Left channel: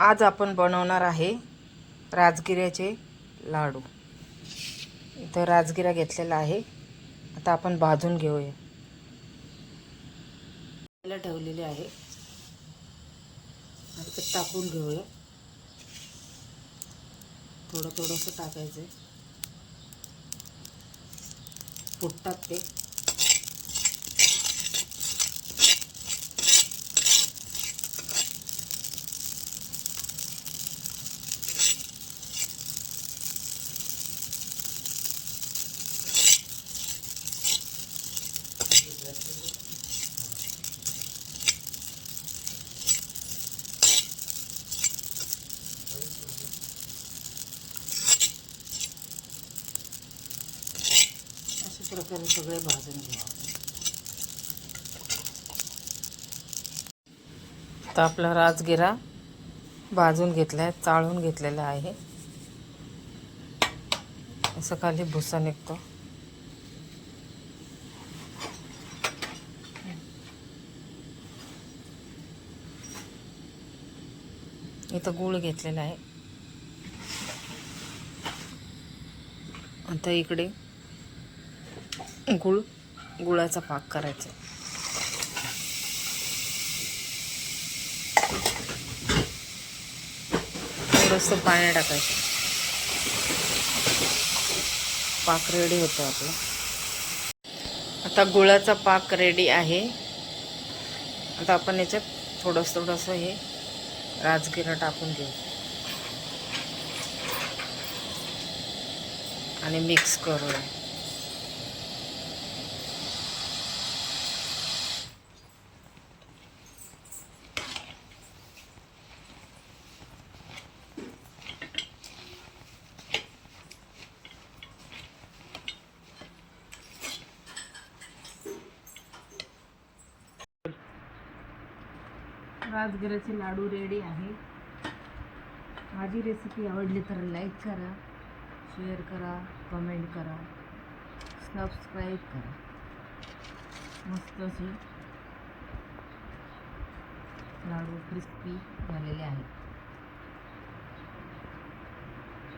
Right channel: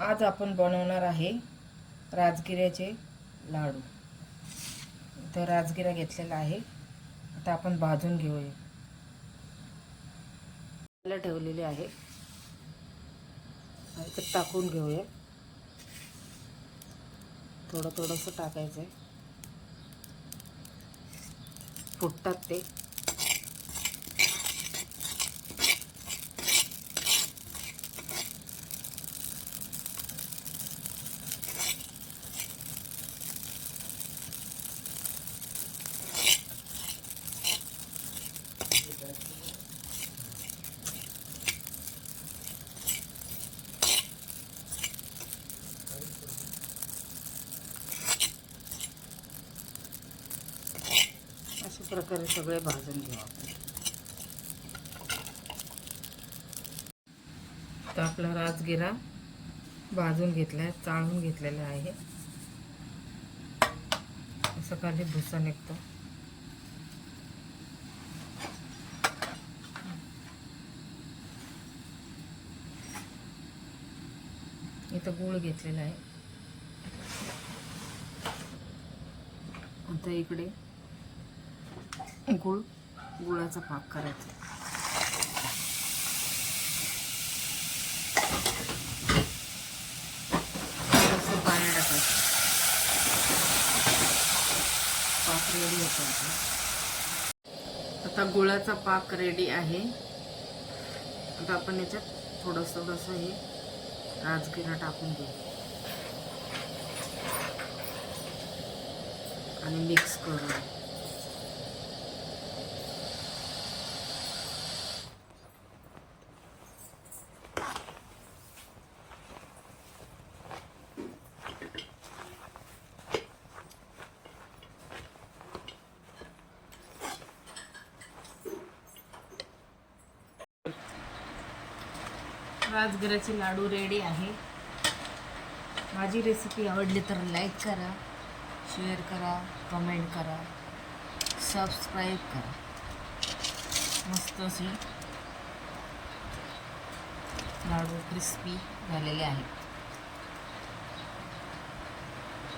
आज आपण बनवणार आहे राजगिऱ्याचे लाडू। इथं राजगिरा घेतलेला आहे, आता आपण भाजून घेऊया। त्याला ठेवलेले आहे आणि ते टाकून घेऊया। थोडं थोडंसं टाकायचं आहे, फुटतात ते। अशा प्रकारे सगळे भाजून घेऊ आपण। तर आपला राजगिरा भाजून घेतला आहे, चाळून घेतलेला आहे। असं खाली भुसा निघतो। इथं गूळ घेतलेला आहे। आता इकडे गुळाचा पाक करायचा। थोडंसं पाणी टाकायचं, पाक रेडी होतो आपला। आता गुळाचा पाक रेडी आहे। आता आपण याच्यात थोडंसं हे राजगिरा टाकून घेऊ आणि मिक्स करूया। राजगिराचे लाडू रेडी आहे। माझी रेसिपी आवडली तर लाईक करा, शेअर करा, कमेंट करा, सबस्क्राईब करा। मस्त असे लाडू क्रिस्पी झालेले आहेत।